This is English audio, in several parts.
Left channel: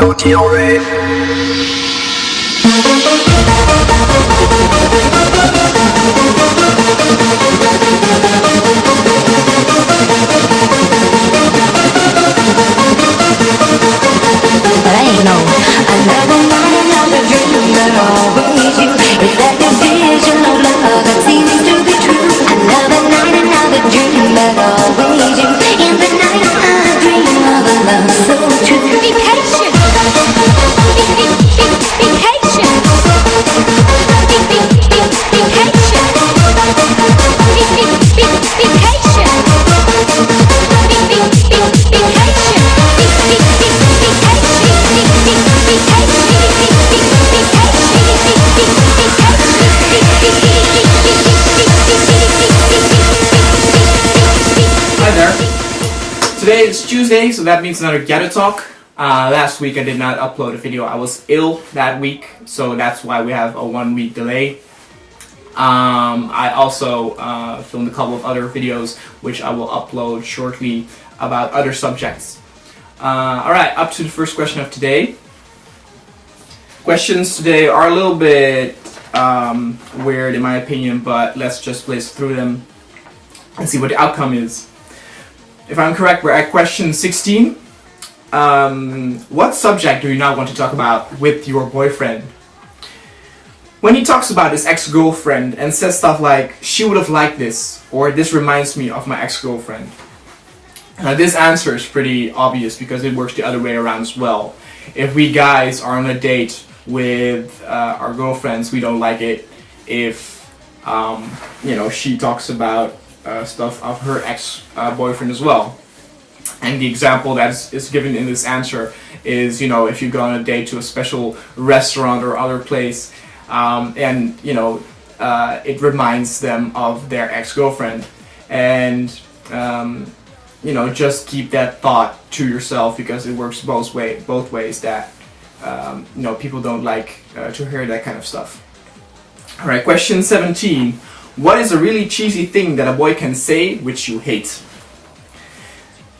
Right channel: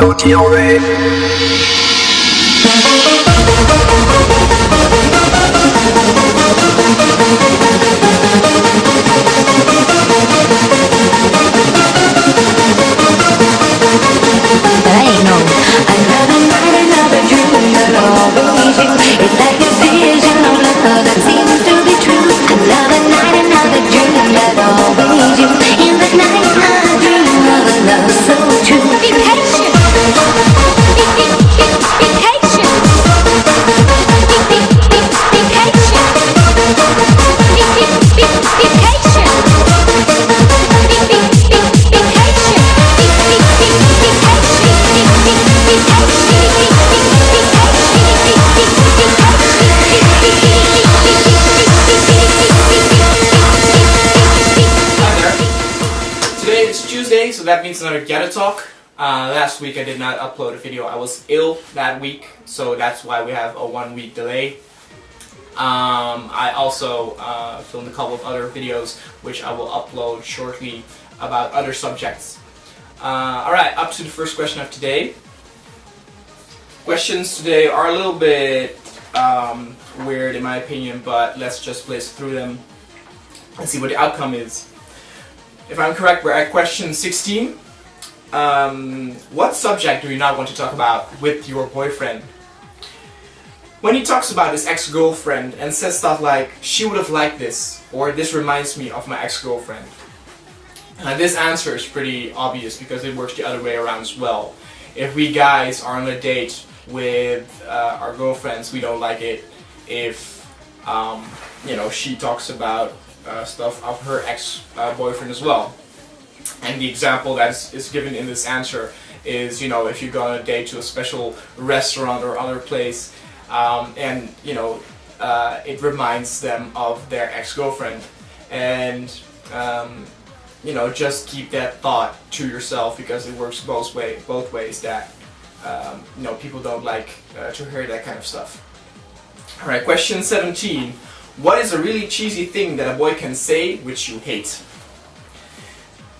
to Gyaru. But ain't no another night, another dream, but always you. Is that your vision of love that seems to be true? Another night, another dream, but always you. In the night, I dream of a love so true. Be patient. Be patient. Be patient. Be patient. Today is Tuesday, so that means another Gyaru talk. Last week I did not upload a video. I was ill that week, so that's why we have a 1 week delay. I also filmed a couple of other videos which I will upload shortly about other subjects. Alright, up to the first question of today. Questions today are a little bit weird in my opinion, but let's just blaze through them and see what the outcome is. If I'm correct, we're at question 16. What subject do you not want to talk about with your boyfriend? When he talks about his ex-girlfriend and says stuff like, she would have liked this, or this reminds me of my ex-girlfriend. This answer is pretty obvious because it works the other way around as well. If we guys are on a date with our girlfriends, we don't like it if she talks about stuff of her ex-boyfriend as well. And the example that is given in this answer is, if you go on a date to a special restaurant or other place, and it reminds them of their ex-girlfriend, and just keep that thought to yourself because it works both ways. That people don't like to hear that kind of stuff. All right, question 17. What is a really cheesy thing that a boy can say which you hate?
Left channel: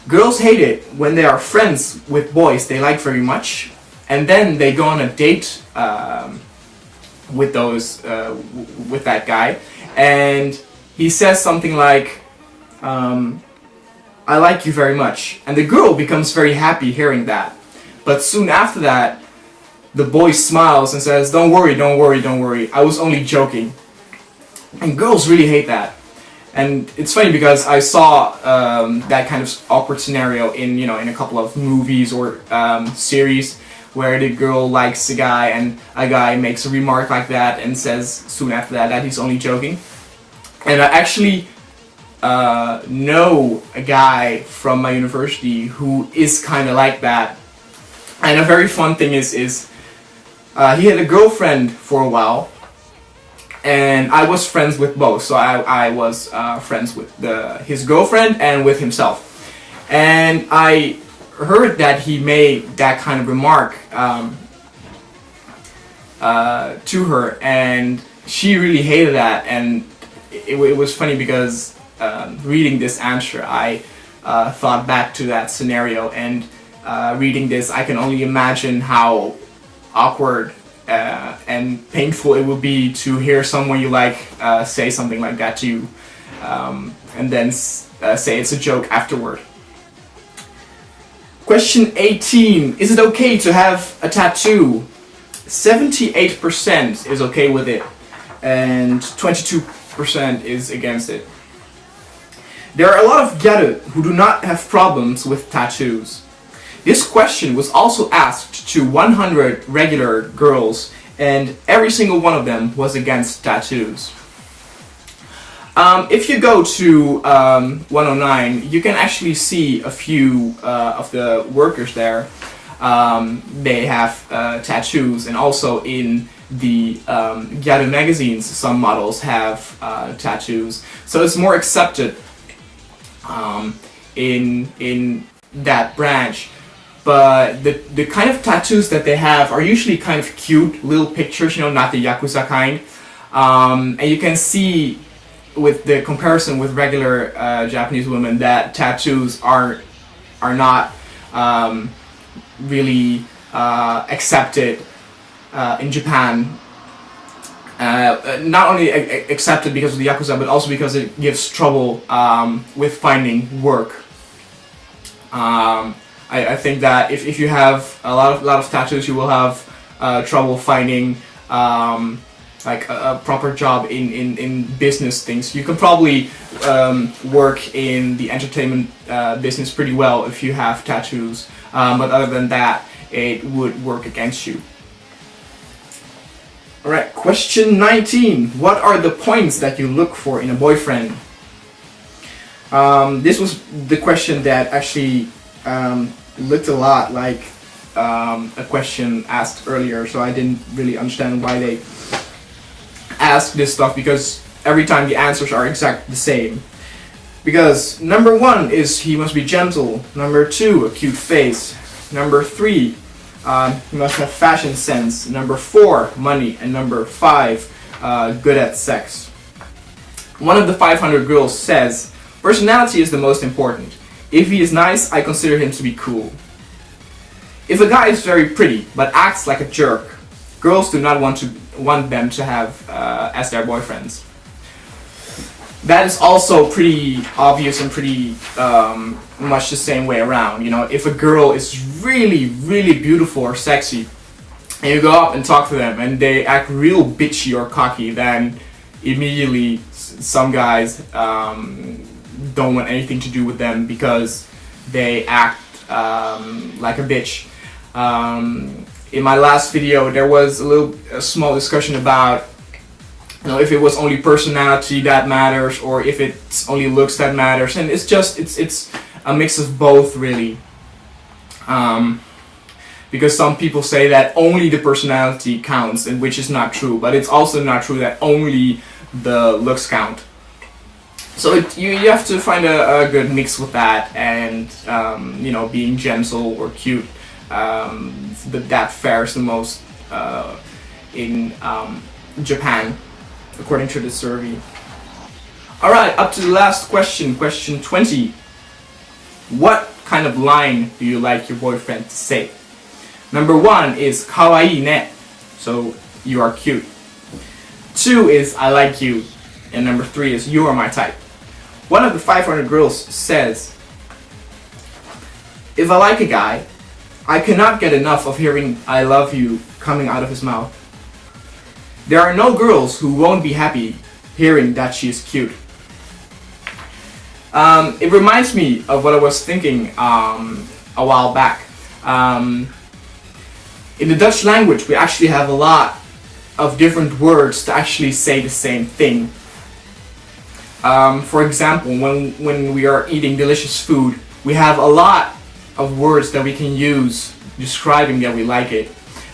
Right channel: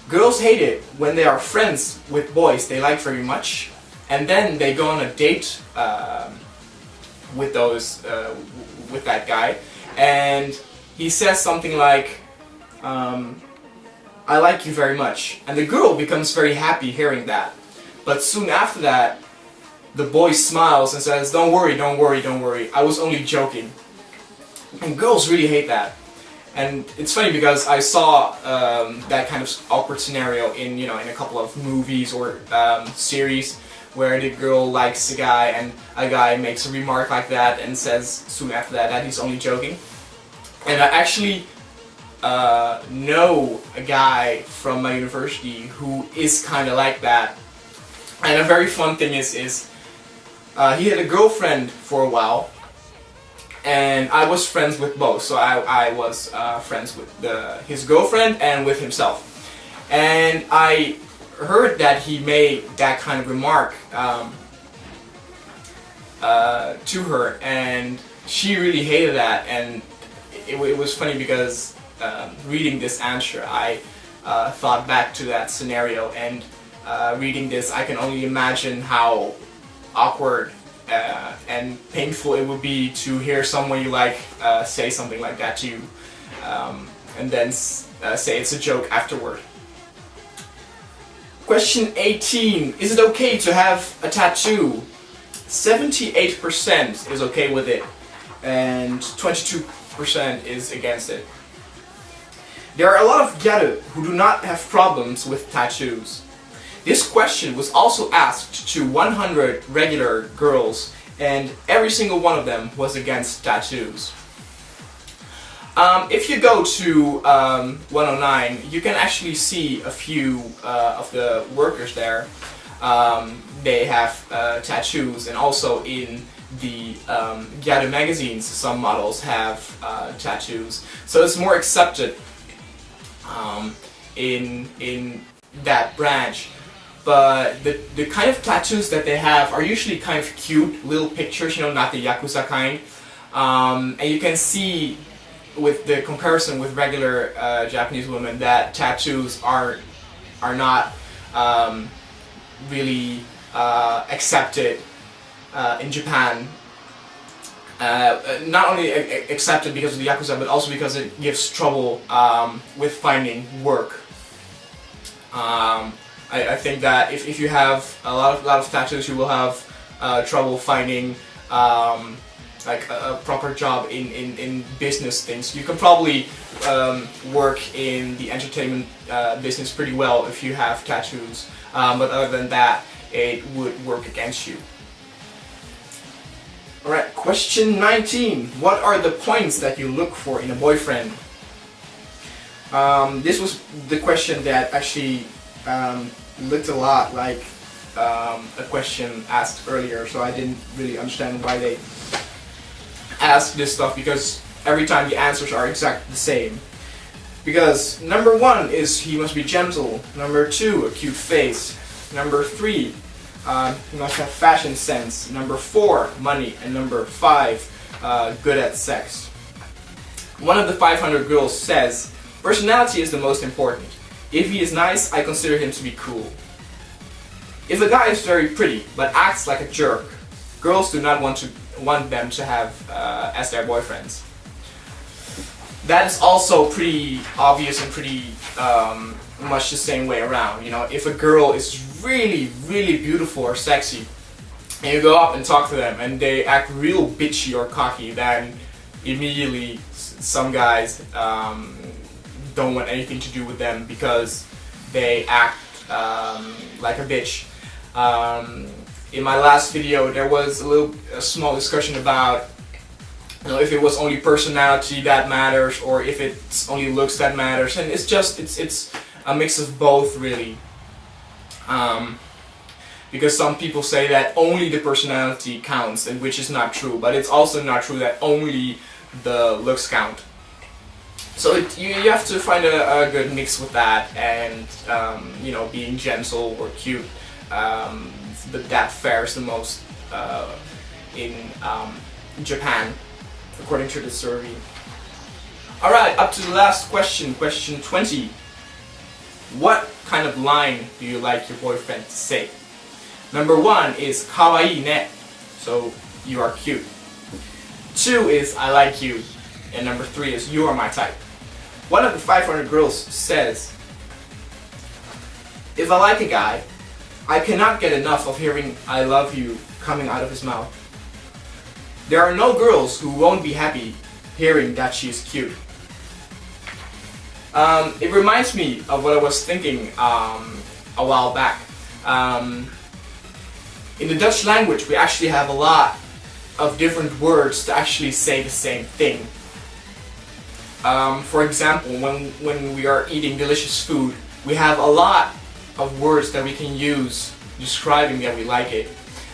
Girls hate it when they are friends with boys they like very much, and then they go on a date with that guy, and he says something like, I like you very much, and the girl becomes very happy hearing that. But soon after that, the boy smiles and says, don't worry, I was only joking. And girls really hate that. And it's funny because I saw that kind of awkward scenario in a couple of movies or series where the girl likes a guy and a guy makes a remark like that and says soon after that he's only joking. And I actually know a guy from my university who is kind of like that. And a very fun thing is he had a girlfriend for a while, and I was friends with both. So I was friends with his girlfriend and with himself. And I heard that he made that kind of remark to her, and she really hated that. And it was funny because reading this answer, I thought back to that scenario, and reading this, I can only imagine how awkward and painful it would be to hear someone you like say something like that to you, and then say it's a joke afterward. Question 18. Is it okay to have a tattoo? 78% is okay with it, and 22% is against it. There are a lot of Gyaru who do not have problems with tattoos. This question was also asked to 100 regular girls, and every single one of them was against tattoos. If you go to 109, you can actually see a few of the workers there. They have tattoos, and also in the Gyaru magazines, some models have tattoos. So it's more accepted in that branch. But the kind of tattoos that they have are usually kind of cute little pictures, not the Yakuza kind. And you can see with the comparison with regular Japanese women that tattoos are not really accepted in Japan. Not only accepted because of the Yakuza, but also because it gives trouble with finding work. I think that if you have a lot of tattoos, you will have trouble finding like a proper job in business things. You can probably work in the entertainment business pretty well if you have tattoos, but other than that, it would work against you. Alright, question 19. What are the points that you look for in a boyfriend? This was the question that actually looked a lot like a question asked earlier, so I didn't really understand why they asked this stuff, because every time the answers are exactly the same. Because number 1 is he must be gentle, number 2 a cute face, number 3 he must have fashion sense, number 4 money, and number 5 good at sex. One of the 500 girls says personality is the most important. If he is nice, I consider him to be cool. If a guy is very pretty but acts like a jerk, girls do not want them to have as their boyfriends. That is also pretty obvious and pretty much the same way around. You know, if a girl is really, really beautiful or sexy, and you go up and talk to them and they act real bitchy or cocky, then immediately some guys don't want anything to do with them because they act like a bitch. In my last video, there was a small discussion about, you know, if it was only personality that matters or if it's only looks that matters, and it's a mix of both, really. Because some people say that only the personality counts, and which is not true, but it's also not true that only the looks count. So you have to find a good mix with that, and you know, being gentle or cute, that fares the most in Japan, according to the survey. Alright, up to the last question, question 20. What kind of line do you like your boyfriend to say? Number 1 is kawaii ne, so you are cute. 2 is I like you, and number 3 is you are my type. One of the 500 girls says, if I like a guy, I cannot get enough of hearing I love you coming out of his mouth. There are no girls who won't be happy hearing that she is cute. It reminds me of what I was thinking a while back. In the Dutch language, we actually have a lot of different words to actually say the same thing. For example, when we are eating delicious food, we have a lot of words that we can use describing that we like it.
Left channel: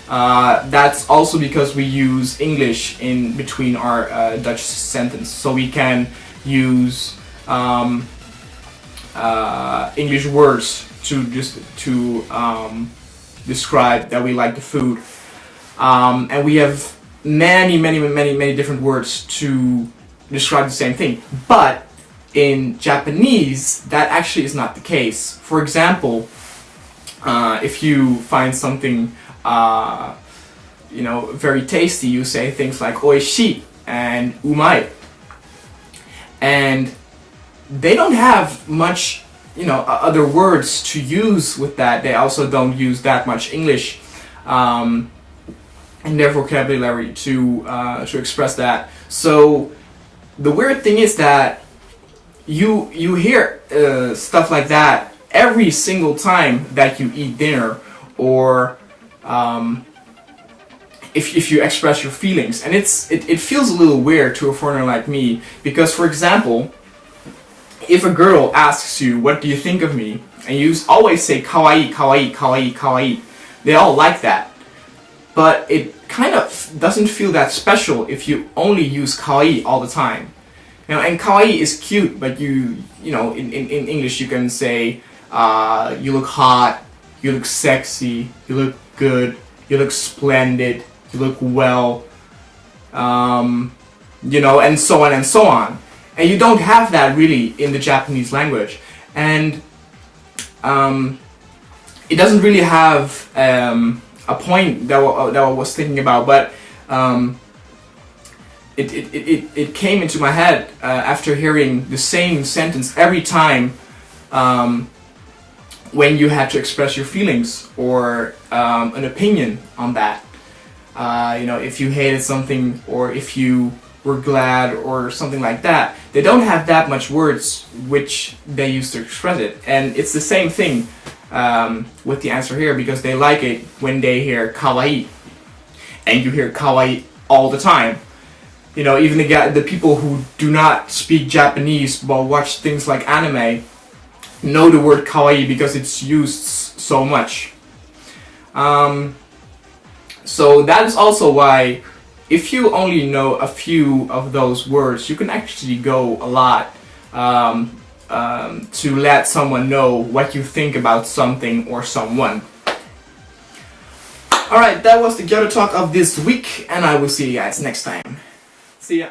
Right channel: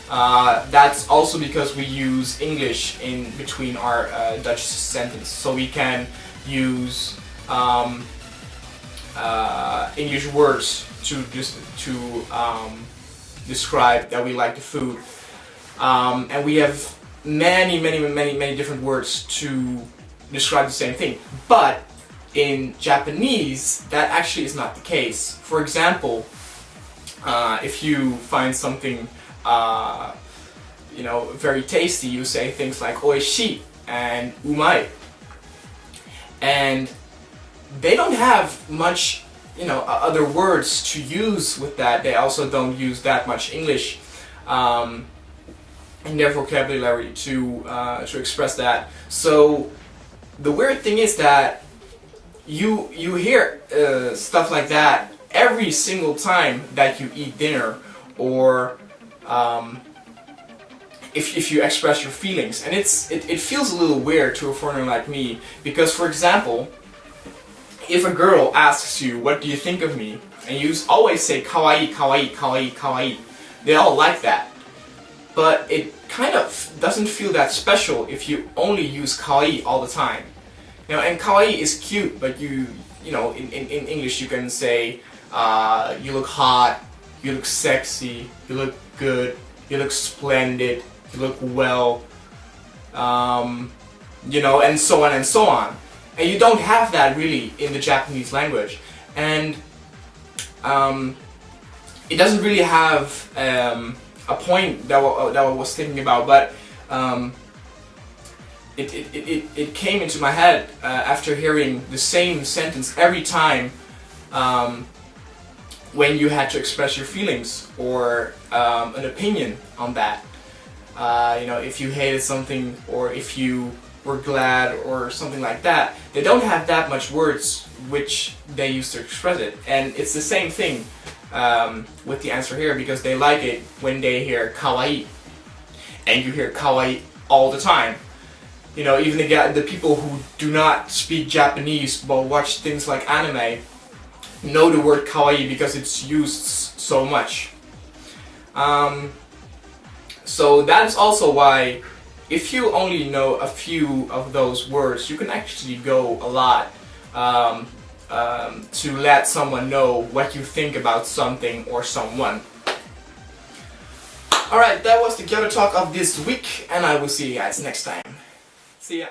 That's also because we use English in between our Dutch sentence, so we can use English words to describe that we like the food, and we have many different words to describe the same thing. But in Japanese, that actually is not the case. For example, if you find something you know, very tasty, you say things like oishii and umai, and they don't have much, you know, other words to use with that. They also don't use that much English in their vocabulary to express that. So the weird thing is that you hear stuff like that every single time that you eat dinner, or if you express your feelings, and it feels a little weird to a foreigner like me, because, for example, if a girl asks you, what do you think of me, and you always say kawaii, kawaii, kawaii, kawaii, they all like that. But it kind of doesn't feel that special if you only use kawaii all the time. You know, and kawaii is cute, but you know, in English you can say you look hot, you look sexy, you look good, you look splendid, you look well, you know, and so on and so on. And you don't have that really in the Japanese language, and it doesn't really have a point that I was thinking about, but it came into my head after hearing the same sentence every time when you had to express your feelings or an opinion on that. You know, if you hated something or if you were glad or something like that, they don't have that much words which they use to express it. And it's the same thing with the answer here, because they like it when they hear kawaii, and you hear kawaii all the time. You know, even the people who do not speak Japanese but watch things like anime know the word kawaii because it's used so much. So that is also why, if you only know a few of those words, you can actually go a lot to let someone know what you think about something or someone. Alright, that was the Gyaru talk of this week, and I will see you guys next time. See ya.